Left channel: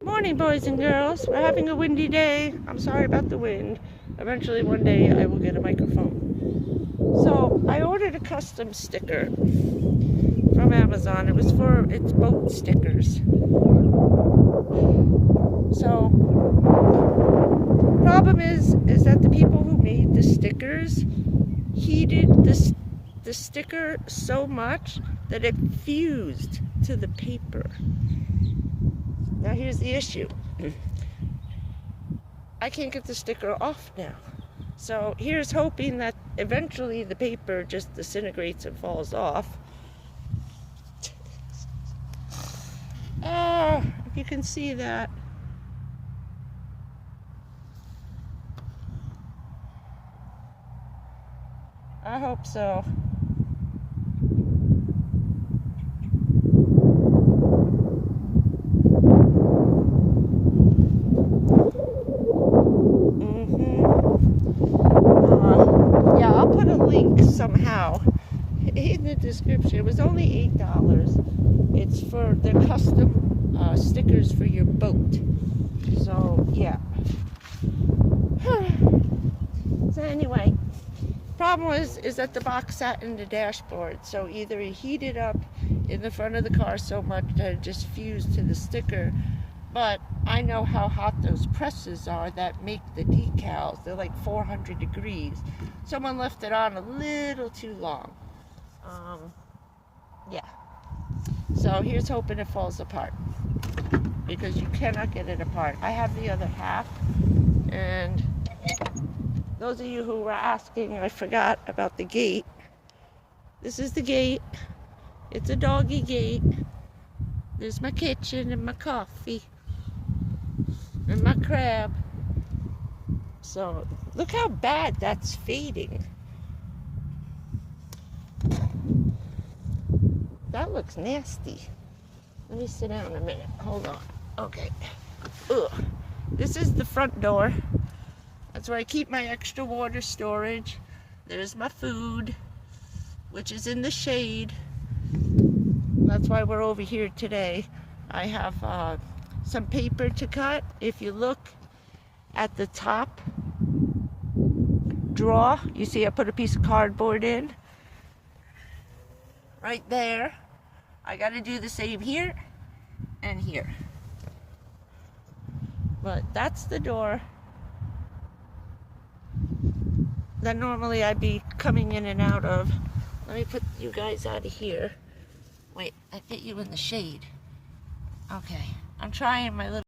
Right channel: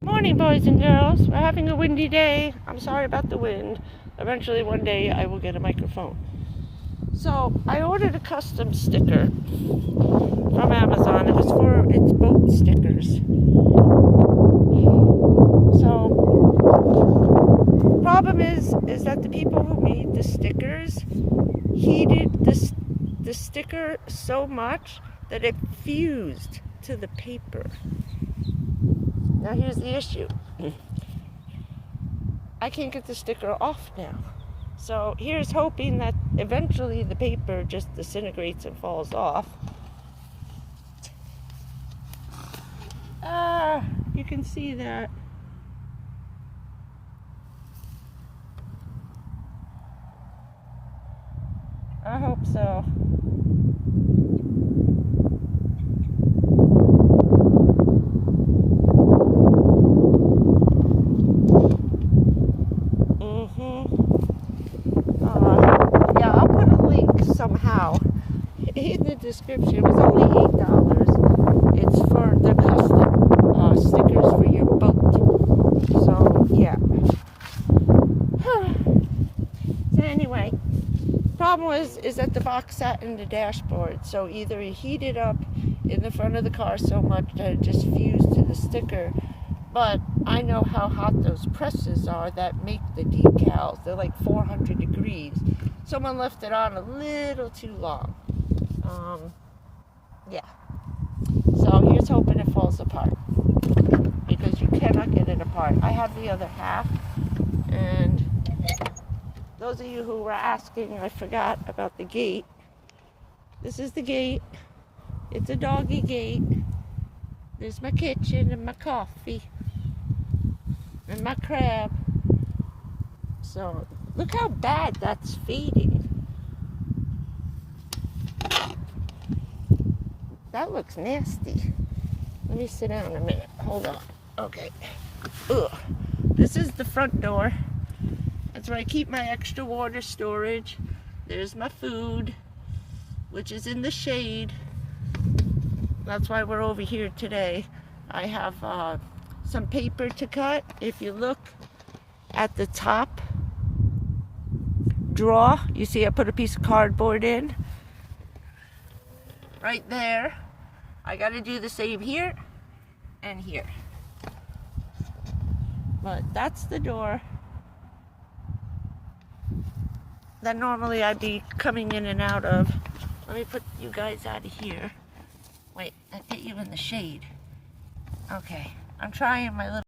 Morning, boys and girls. We're having a windy day. I'm sorry about the wind. Eventually one day I will get a microphone. So I ordered a custom sticker from Amazon. It's boat stickers. So problem is that the people who made the stickers heated the sticker so much that it fused to the paper. Now here's the issue. I can't get the sticker off now. So here's hoping that eventually the paper just disintegrates and falls off. You can see that. I hope so. Yeah, I'll put a link somehow in the description. It was only $8. It's for the custom stickers for your boat. So yeah. So anyway, problem is that the box sat in the dashboard. So either it heated up in the front of the car so much that it just fused to the sticker. But I know how hot those presses are that make the decals. They're like 400 degrees. Someone left it on a little too long. Yeah. So here's hoping it falls apart, because you cannot get it apart. I have the other half, and those of you who were asking, I forgot about the gate. This is the gate. It's a doggy gate. There's my kitchen and my coffee and my crab. So look how bad that's fading. That looks nasty. Let me sit down a minute. Hold on. Okay. Ugh. This is the front door. That's where I keep my extra water storage. There's my food, which is in the shade. That's why we're over here today. I have some paper to cut. If you look at the top drawer, you see I put a piece of cardboard in. Right there. I got to do the same here and here. But that's the door that normally I'd be coming in and out of. Let me put you guys out of here. Wait, I get you in the shade. Okay, I'm trying my little